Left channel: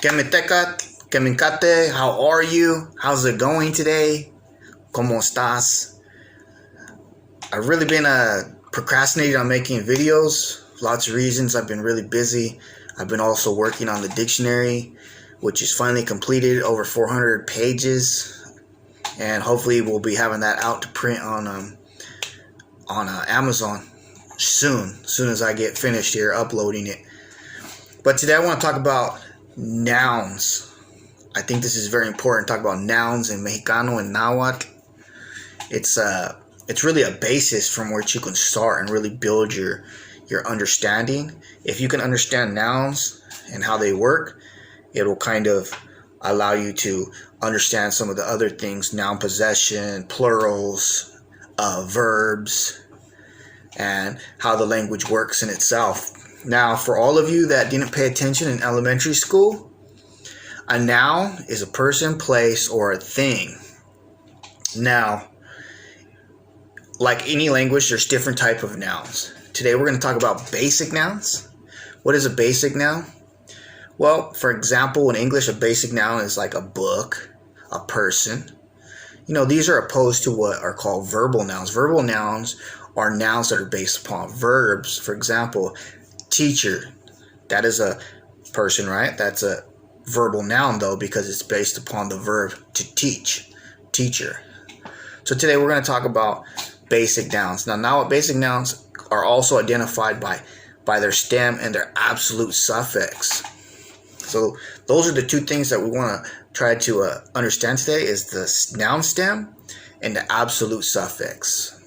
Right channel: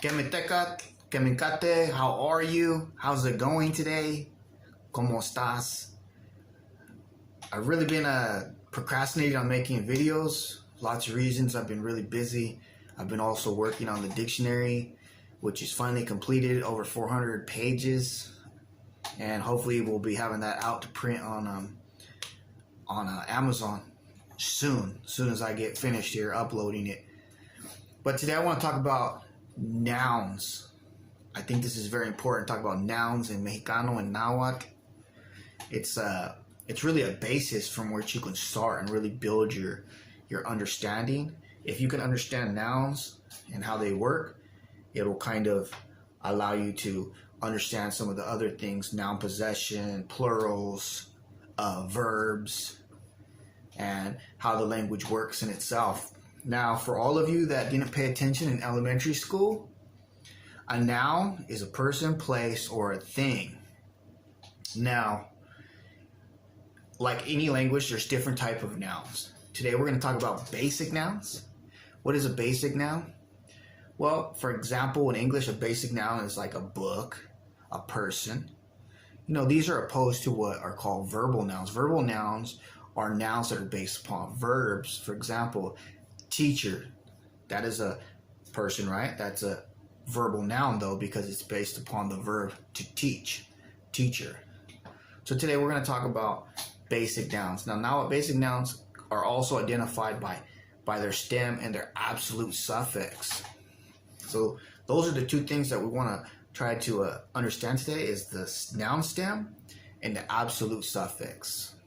Kemikate, how are you? How's it going today? ¿Cómo estás? I've really been procrastinating on making videos. Lots of reasons. I've been really busy. I've been also working on the dictionary, which is finally completed, over 400 pages. And hopefully we'll be having that out to print on Amazon soon as I get finished here uploading it. But today I want to talk about nouns. I think this is very important to talk about nouns in Mexicano and Nahuatl. It's really a basis from which you can start and really build your understanding. If you can understand nouns and how they work, it will kind of allow you to understand some of the other things: noun possession, plurals, verbs, and how the language works in itself. Now, for all of you that didn't pay attention in elementary school, a noun is a person, place, or a thing. Now, like any language, there's different type of nouns. Today we're going to talk about basic nouns. What is a basic noun? Well, for example, in English, a basic noun is like a book, a person. These are opposed to what are called verbal nouns. Verbal nouns are nouns that are based upon verbs. For example, teacher, that is a person, right? That's a verbal noun, though, because it's based upon the verb to teach, teacher. So today we're going to talk about basic nouns. Now basic nouns are also identified by their stem and their absolute suffix. So those are the two things that we want to try to understand today, is the noun stem and the absolute suffix.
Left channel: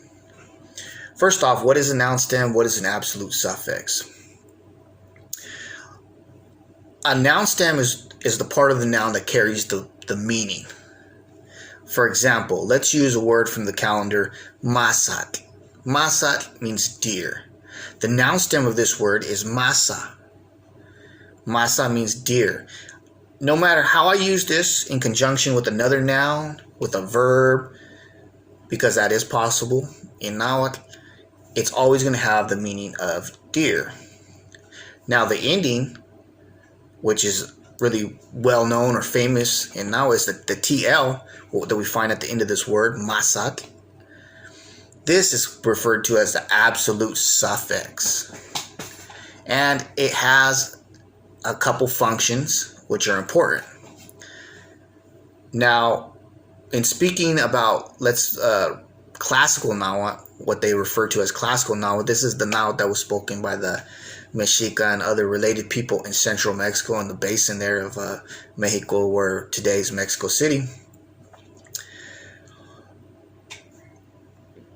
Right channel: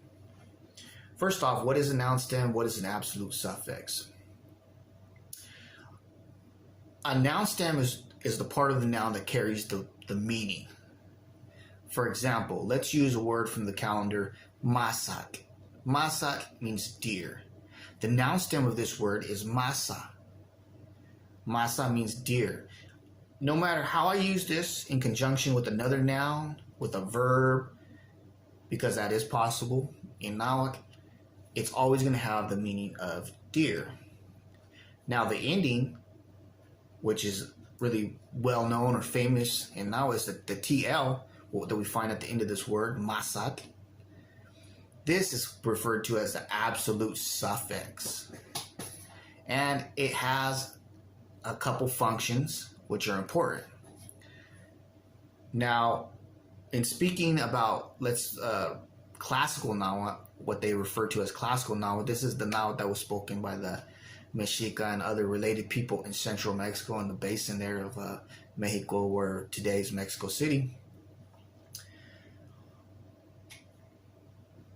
First off, what is a noun stem? What is an absolute suffix? A noun stem is the part of the noun that carries the meaning. For example, let's use a word from the calendar, masat. Masat means deer. The noun stem of this word is masa. Masa means deer. No matter how I use this in conjunction with another noun, with a verb, because that is possible in Nahuatl, it's always going to have the meaning of deer. Now the ending, which is really well known or famous in Nahuatl, is the TL that we find at the end of this word, masat. This is referred to as the absolute suffix. And it has a couple functions which are important. Now, in speaking about classical Nahuatl, what they refer to as classical Nahuatl, this is the Nahuatl that was spoken by the Mexica and other related people in central Mexico, in the basin there of Mexico, where today's Mexico City.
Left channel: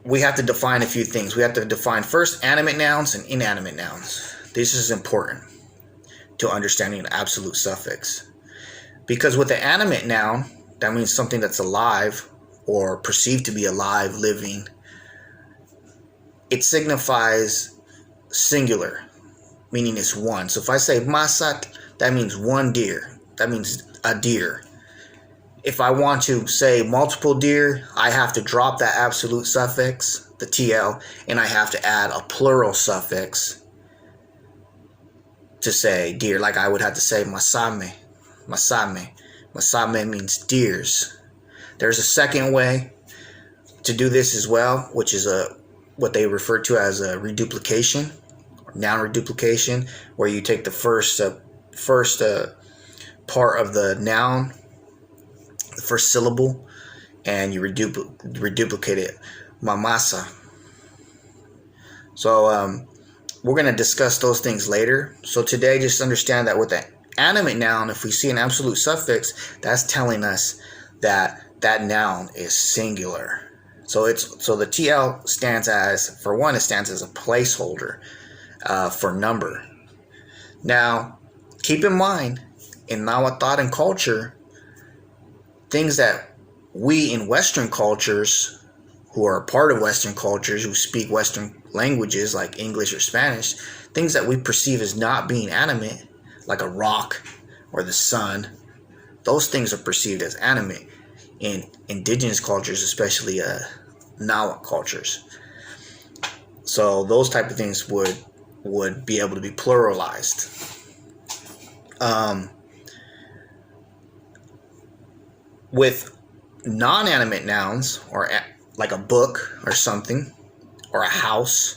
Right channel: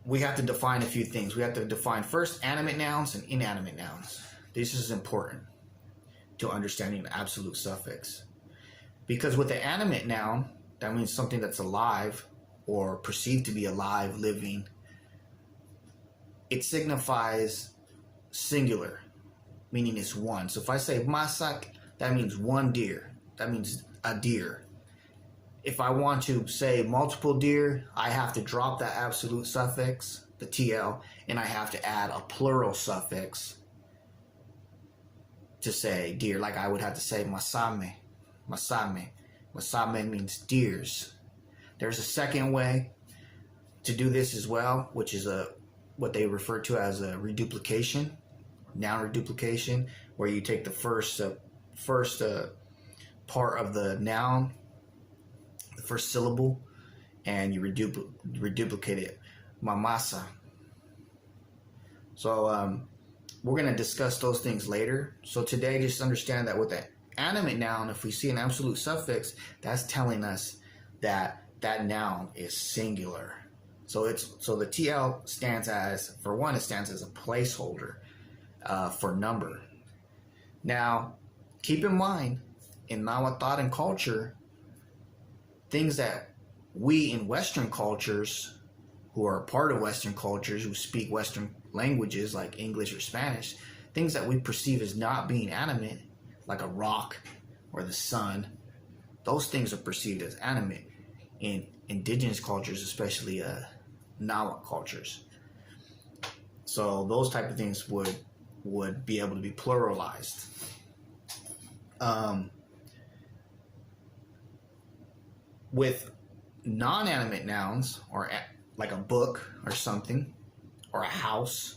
We have to define a few things. We have to define first animate nouns and inanimate nouns. This is important to understanding an absolute suffix. Because with the animate noun, that means something that's alive or perceived to be alive, living. It signifies singular, meaning it's one. So if I say masat, that means one deer. That means a deer. If I want to say multiple deer, I have to drop that absolute suffix, the TL, and I have to add a plural suffix to say deer. Like I would have to say masame. Masame. Masame means deers. There's a second way to do this as well, which is what they refer to as a reduplication, or noun reduplication, where you take the first part of the noun, the first syllable, and you reduplicate it. Mamasa. So we're going to discuss those things later. So today, just understand that with the animate noun, if we see an absolute suffix, that's telling us that that noun is singular. So the TL stands as, for one, it stands as a placeholder for number. Now, keep in mind, in Nahuatl thought and culture, things that we in Western cultures, who are a part of Western cultures, who speak Western languages like English or Spanish, things that we perceive as not being animate, like a rock or the sun, those things are perceived as animate in indigenous cultures, especially Nahuatl cultures. So those type of things would be able to be pluralized. With non-animate nouns, or like a book or something, or a house,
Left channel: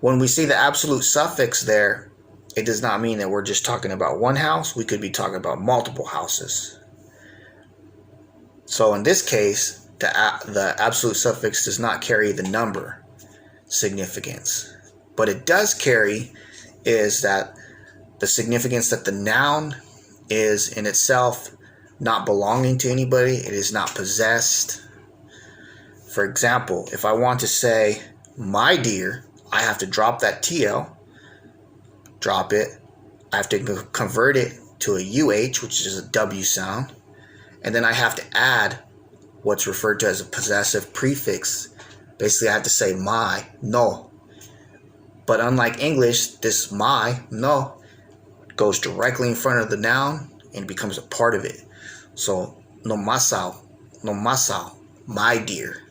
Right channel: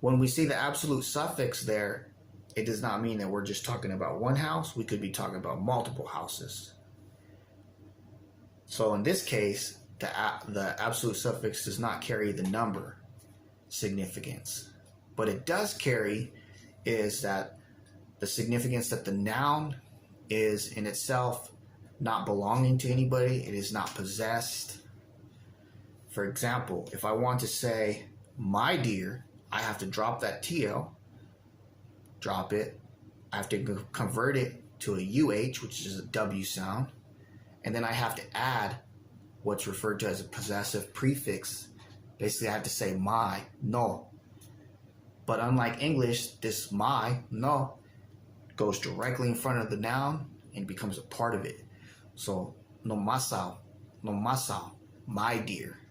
when we see the absolute suffix there, it does not mean that we're just talking about one house. We could be talking about multiple houses. So in this case, the absolute suffix does not carry the number significance. But it does carry is that the significance that the noun is in itself not belonging to anybody. It is not possessed. For example, if I want to say my dear, I have to drop that TL, drop it. I have to convert it to a UH, which is a W sound. And then I have to add what's referred to as a possessive prefix. Basically, I have to say my, no. But unlike English, this my, no, goes directly in front of the noun and becomes a part of it. So, no masao, my dear.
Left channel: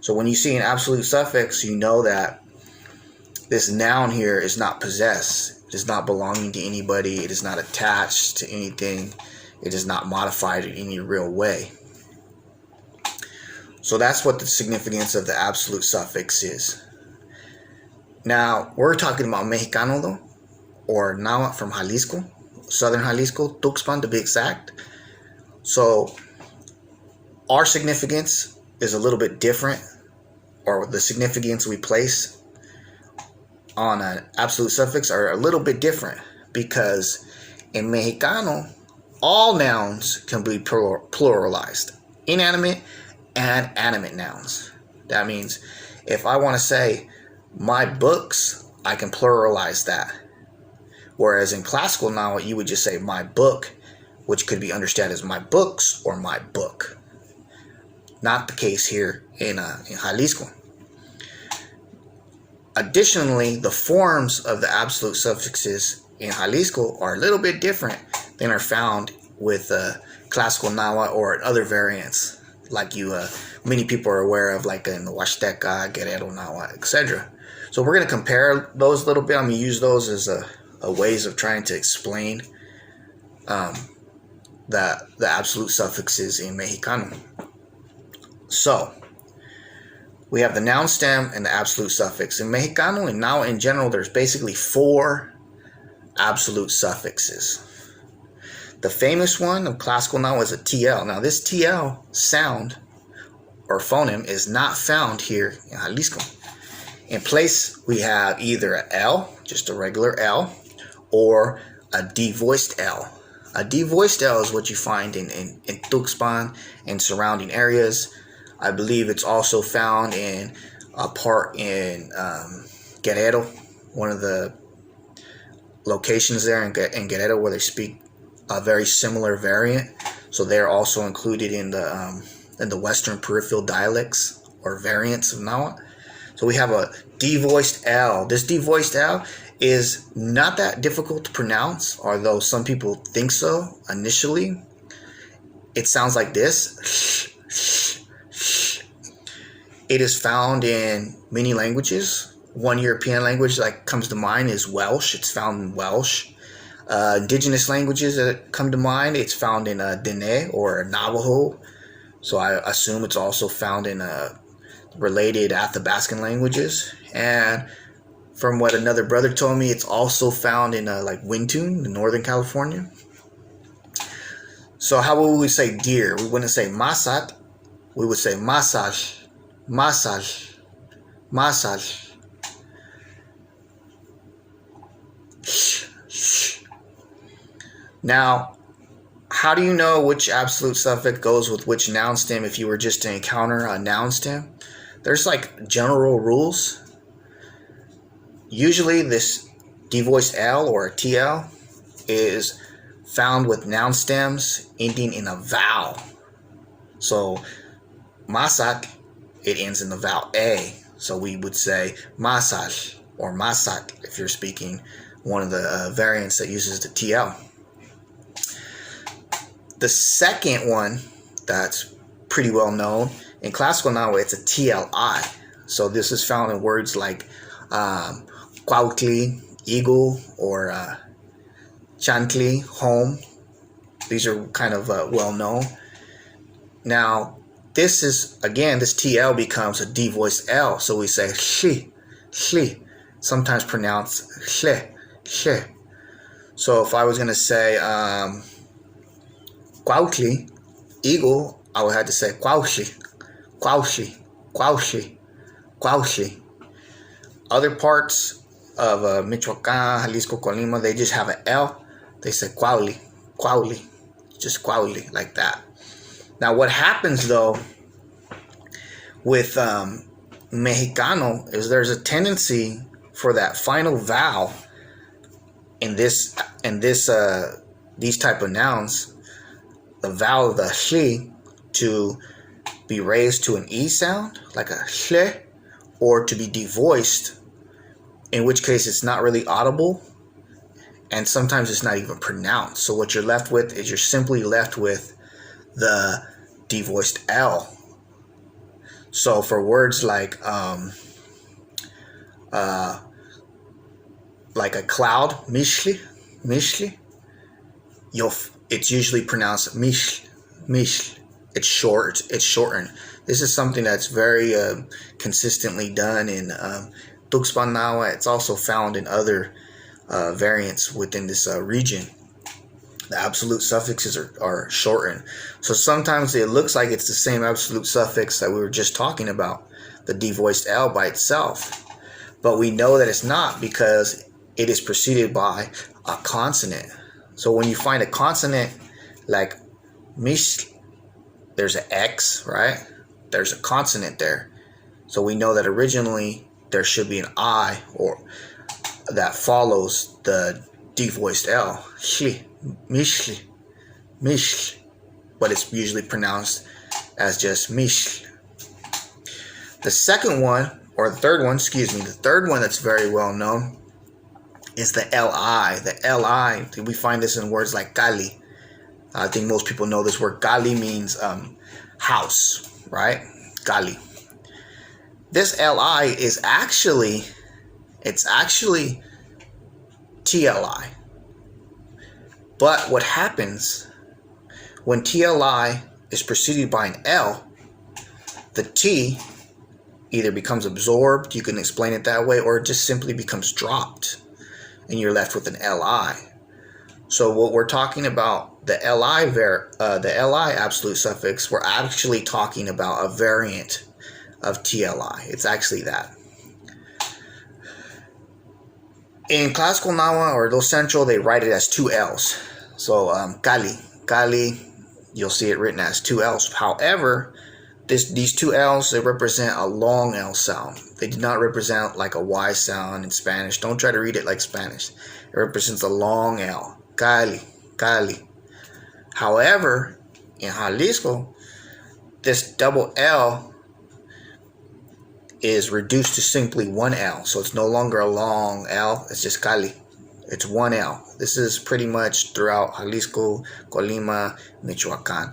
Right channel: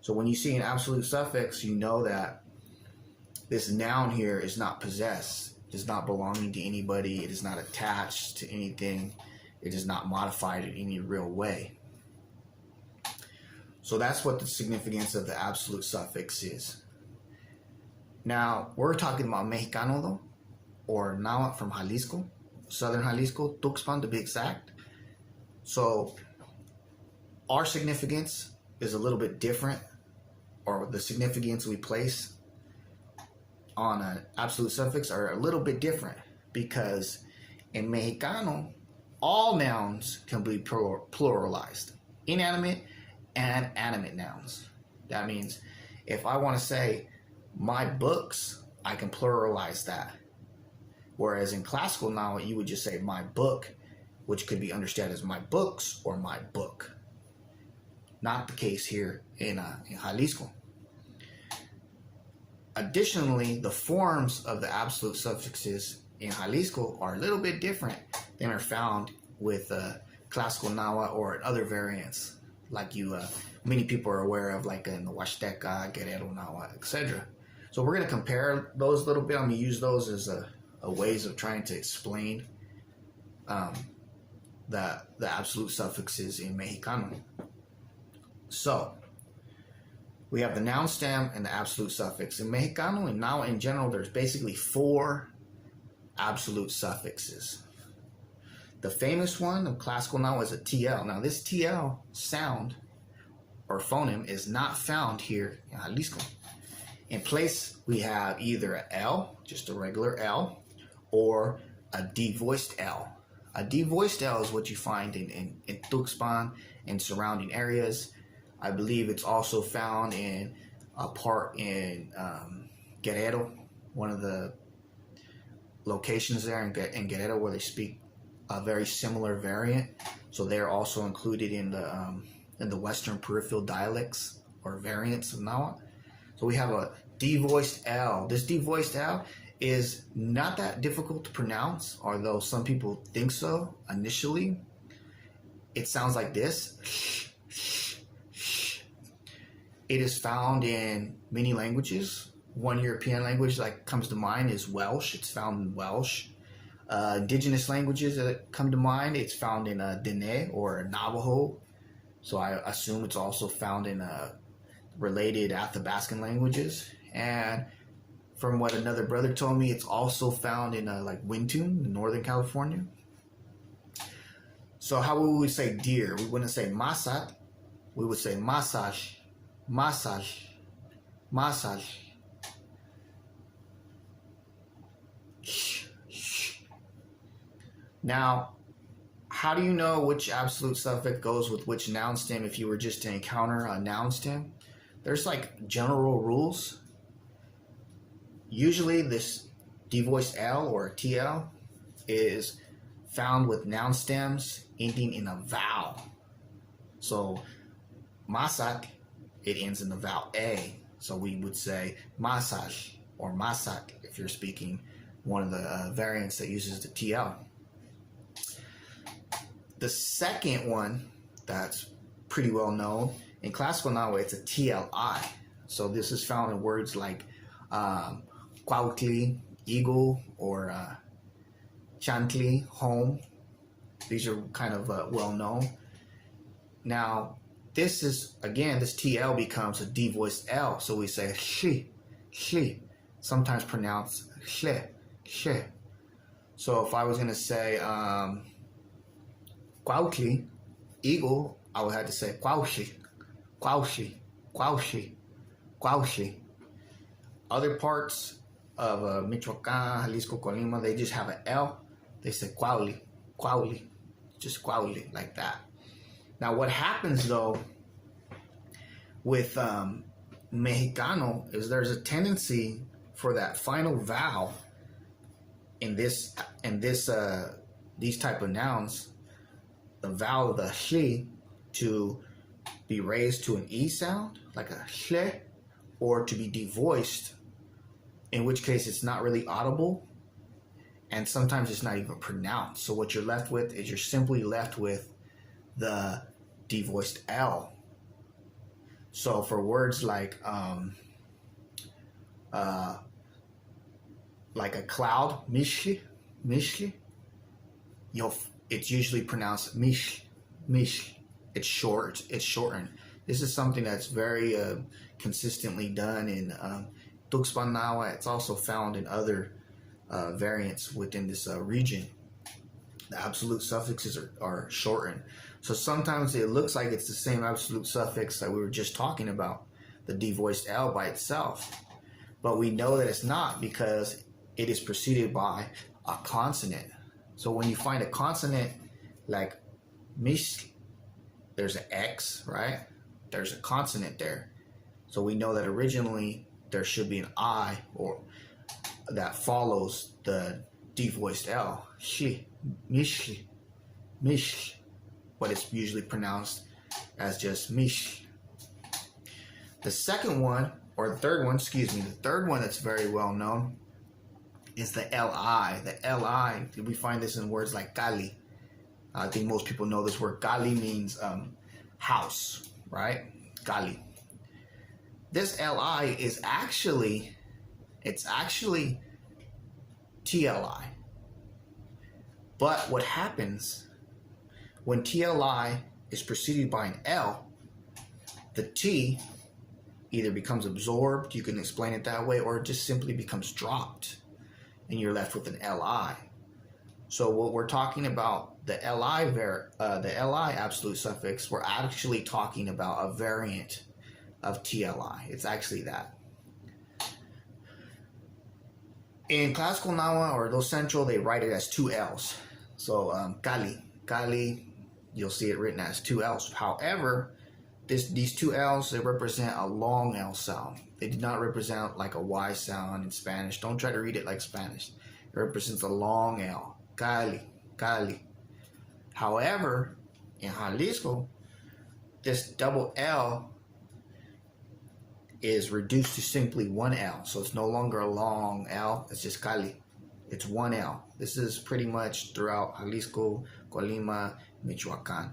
So when you see an absolute suffix, you know that this noun here is not possessed. It is not belonging to anybody. It is not attached to anything. It is not modified in any real way. So that's what the significance of the absolute suffix is. Now, we're talking about Mexicano though, or Nahuatl from Jalisco, southern Jalisco, Tuxpan to be exact. So our significance is a little bit different, or the significance we place on an absolute suffix are a little bit different, because in Mexicano, all nouns can be pluralized, inanimate and animate nouns. That means if I want to say my books, I can pluralize that. Whereas in classical now, you would just say my book, which could be understood as my books or my book. Not the case here in Jalisco. Additionally, the forms of the absolute suffixes in Jalisco are a little bit different than are found with classical Nahuatl or other variants, like many people are aware of, like in the Huasteca, Guerrero Nahuatl, etc. So we're going to compare those a little bit. I'm going to use those as a ways of trying to explain the absolute suffixes in Mexicano. So we have the noun stem and the absolute suffix. In Mexicano and now in general, there's basically 4 absolute suffixes. The famous one of classical now is a TL. Now this TL sound or phoneme is not found here in Jalisco. In place, we have either a L, just a regular L, or a devoiced L. A devoiced L is what you find in Tuxpan and surrounding areas. I believe it's also found in a part in Guerrero, one of the locations there in Guerrero where they speak a very similar variant. So they're also included in the Western peripheral dialects or variants of Nahuatl. So we have a devoiced L. This devoiced L is not that difficult to pronounce, although some people think so initially. It sounds like this. It is found in many languages. One European language that comes to mind is Welsh. It's found in Welsh. Indigenous languages that come to mind, it's found in Dene or Navajo. So I assume it's also found in related Athabascan languages. And from what another brother told me, it's also found in like Wintun in Northern California. So how would we say deer? We wouldn't say masat. We would say massage, massage, massage. Now, how do you know which absolute suffix goes with which noun stem if you were just to encounter a noun stem? There's like general rules. Usually this devoiced L or TL is found with noun stems ending in a vowel. So masak, it ends in the vowel A. So we would say massage or masak if you're speaking one of the variants that uses the TL. The second one that's pretty well known in classical Nahuatl, it's a TLI. So this is found in words like Cuautli, eagle, or Chantli, home. These are kind of well known. Now, this is, again, this TL becomes a D voiced L. So we say sh, sometimes pronounced sh. So if I was going to say Cuautli, eagle, I would have to say Cuautli. Other parts of Michoacan, Jalisco, Colima, they just have an L. They say Cuauli, just Cuauli, like that. Now, what happens though with Mexicano is there's a tendency for that final vowel in these type of nouns, the vowel of the sh, to be raised to an E sound, like a sh, or to be devoiced, in which case it's not really audible, and sometimes it's not even pronounced. So what you're left with is you're simply left with the devoiced L. So for words like a cloud, mishli, it's usually pronounced mish. It's shortened. This is something that's very consistently done in Tuxpan Nahuatl. It's also found in other variants within this region. The absolute suffixes are shortened. So sometimes it looks like it's the same absolute suffix that we were just talking about, the devoiced L by itself. But we know that it's not, because it is preceded by a consonant. So when you find a consonant like mish, there's an X, right? There's a consonant there. So we know that originally there should be an I or that follows the devoiced L. Shli, mishli, but it's usually pronounced as just mish. The second one, or the third one, the third one that's very well known is the LI. The LI, we find this in words like Cali. I think most people know this word. Cali means house, right? Cali. This LI is actually TLI. But what happens when TLI is preceded by an L, the T either becomes absorbed, you can explain it that way, or it just simply becomes dropped, and you're left with an LI. So what we're talking about, the LI absolute suffix, we're actually talking about a variant of TLI. It's actually that. In classical Nahuatl or Los Central, they write it as two L's. So Cali, you'll see it written as two L's. However, these two L's, they represent a long L sound. They do not represent like a Y sound in Spanish. Don't try to read it like Spanish. It represents a long L. Cali. However, in Jalisco, this double L is reduced to simply one L. So it's no longer a long L. It's just Cali. It's one L. This is pretty much throughout Jalisco, Colima, Michoacan.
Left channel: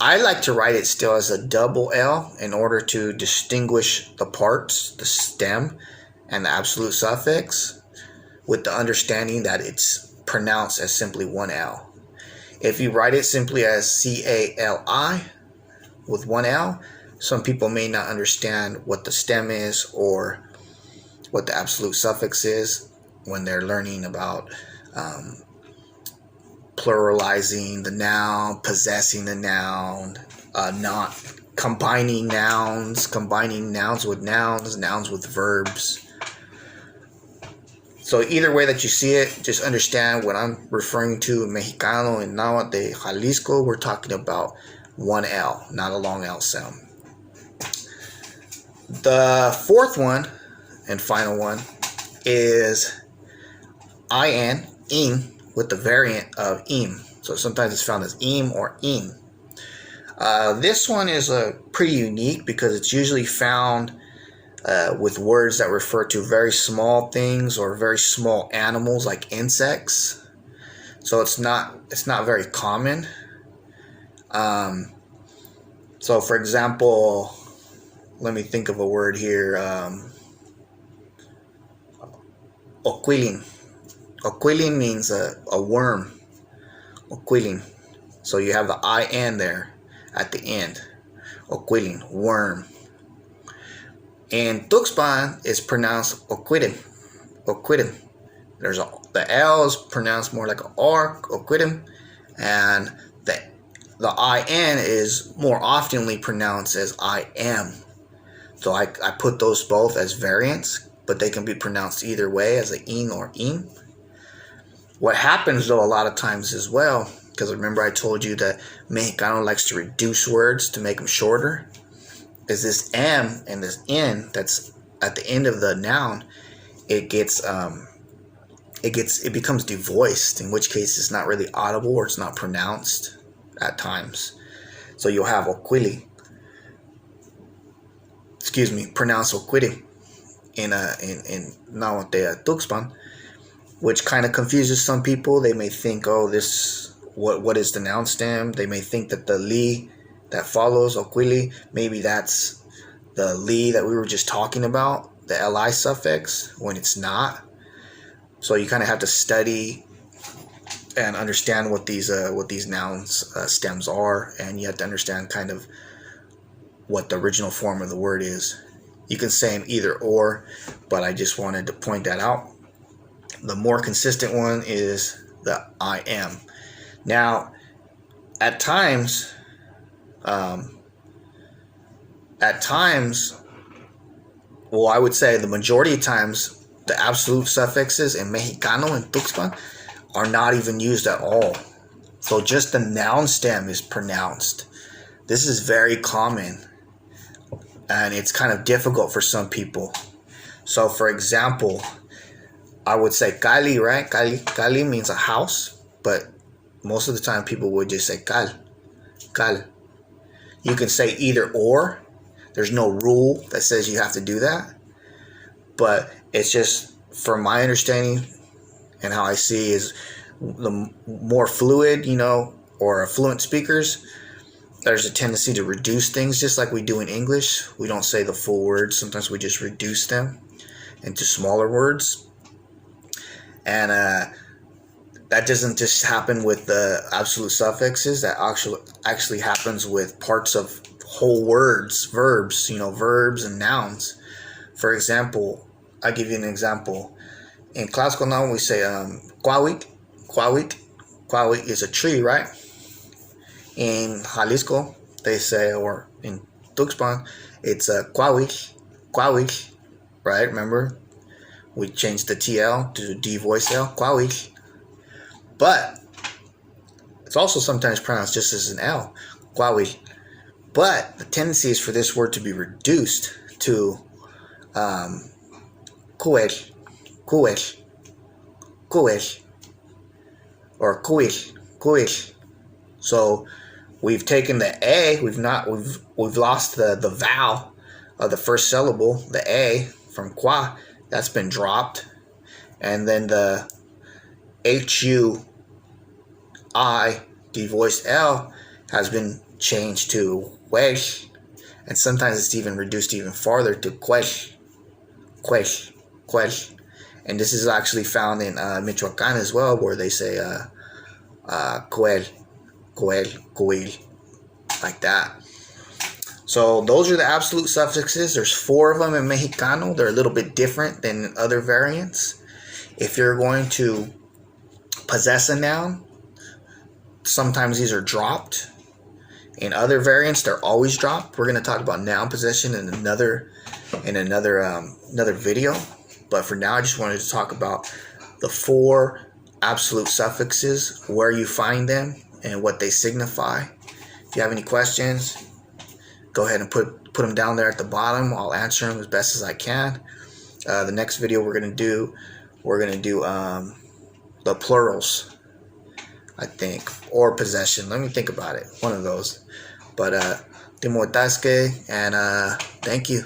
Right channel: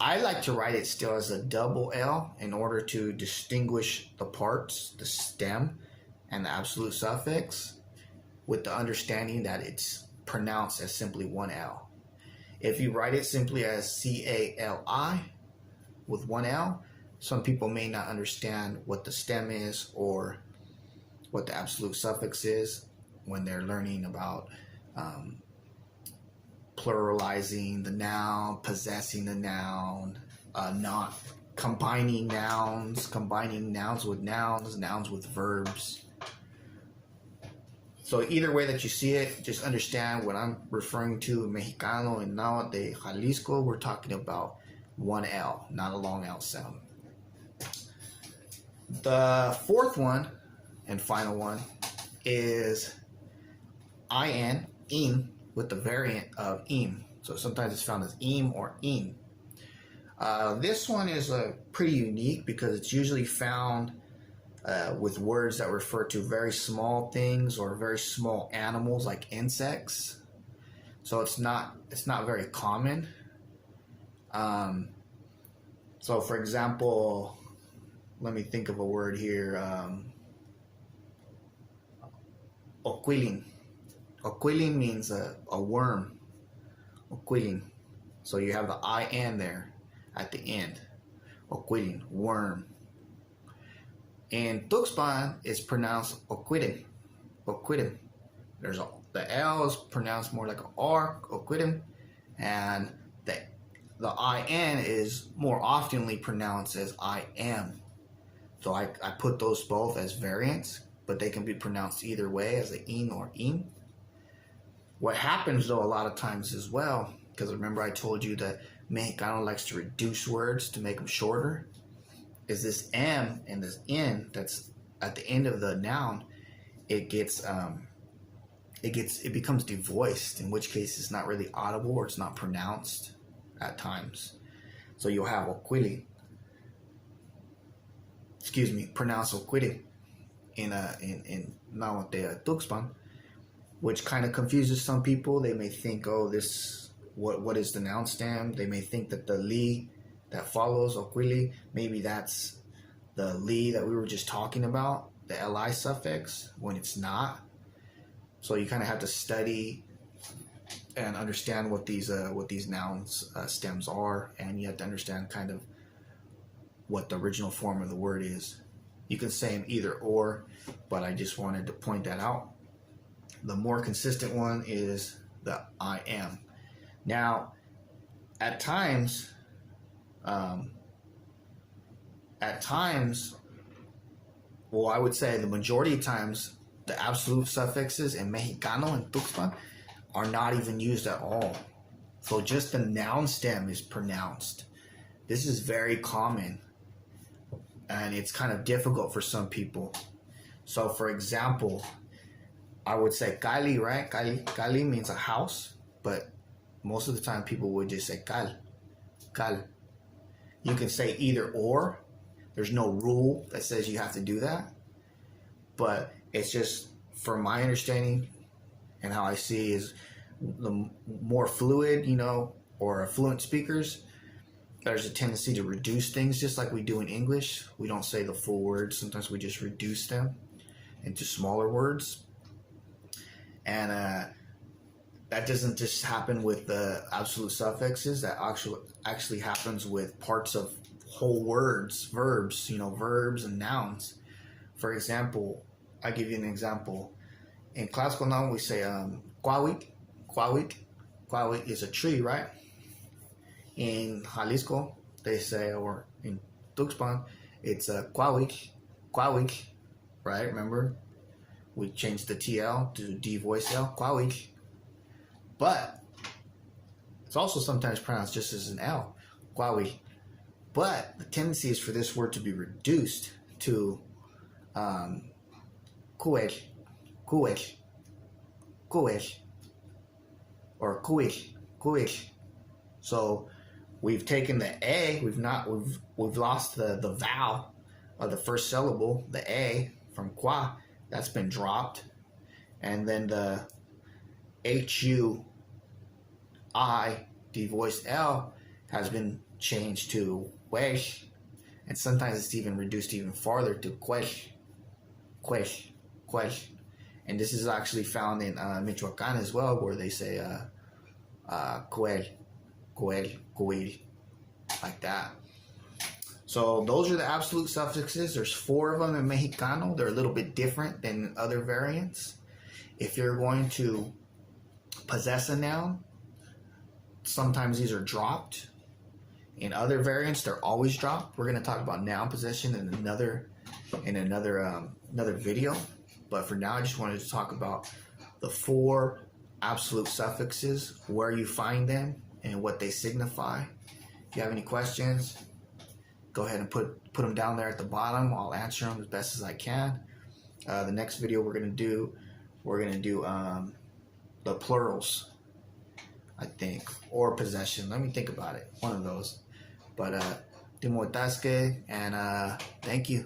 I like to write it still as a double L in order to distinguish the parts, the stem, and the absolute suffix, with the understanding that it's pronounced as simply one L. If you write it simply as CALI with one L, some people may not understand what the stem is or what the absolute suffix is when they're learning about pluralizing the noun, possessing the noun, not combining nouns with nouns, nouns with verbs. So either way that you see it, just understand what I'm referring to in Mexicano and Nahuatl de Jalisco, we're talking about one L, not a long L sound. The fourth one and final one is in, with the variant of im. So sometimes it's found as im or in. This one is pretty unique because it's usually found with words that refer to very small things or very small animals like insects. So it's not very common. So for example, let me think of a word here. Oquilin. Oquilin means a worm. Oquilin. So you have the IN there at the end. Oquilim, worm. In Tuxpan, it's pronounced Oquidim. Oquidim. The L is pronounced more like an R, Oquidim, and the IN is more oftenly pronounced as I am. So I put those both as variants, but they can be pronounced either way as an in or im. What happens though a lot of times as well, because remember I told you that Mexicano likes to reduce words to make them shorter, is this M and this N that's at the end of the noun, it becomes devoiced, in which case it's not really audible or it's not pronounced at times. So you'll have Oquili, pronounce Oquili in Nahuatl Tuxpan, which kind of confuses some people. They may think, oh, what is the noun stem? They may think that the li that follows Oquili, maybe that's the li that we were just talking about, the li suffix, when it's not. So you kind of have to study and understand what these nouns stems are, and you have to understand kind of what the original form of the word is. You can say an either or, but I just wanted to point that out. The more consistent one is the I am. Now, at times, well, I would say the majority of times, the absolute suffixes in Mexicano and Tuxpan are not even used at all. So just the noun stem is pronounced. This is very common, and it's kind of difficult for some people. So for example, I would say Cali, right? Cali means a house, but most of the time people would just say cal. You can say either or. There's no rule that says you have to do that, but it's just, from my understanding and how I see, is the more fluid, or fluent speakers, there's a tendency to reduce things, just like we do in English. We don't say the full words. Sometimes we just reduce them into smaller words. And that doesn't just happen with the absolute suffixes. That actually happens with parts of whole words, verbs, verbs and nouns. For example, I'll give you an example. In classical noun, we say cuauhitl. Cuauhitl is a tree, right? In Jalisco, they say, or in Tuxpan, it's cuauhitl, right? Remember, we changed the TL to D voice L, cuauhitl. But it's also sometimes pronounced just as an L, cuauhitl. But the tendency is for this word to be reduced to cuel, or cuil. So we've taken the A, we've lost the vowel of the first syllable, the A from qua, that's been dropped, and then the HUI devoiced L has been changed to huel, and sometimes it's even reduced even farther to quel. And this is actually found in Michoacan as well, where they say cuel, like that. So those are the absolute suffixes. There's 4 of them in Mexicano. They're a little bit different than other variants. If you're going to possess a noun, sometimes these are dropped. In other variants, they're always dropped. We're going to talk about noun possession in another video. But for now, I just wanted to talk about the 4 absolute suffixes, where you find them, and what they signify. If you have any questions, go ahead and put them down there at the bottom. I'll answer them as best as I can. The next video we're gonna do the plurals, I think, or possession. Let me think about it. One of those. But Timotasque, and thank you.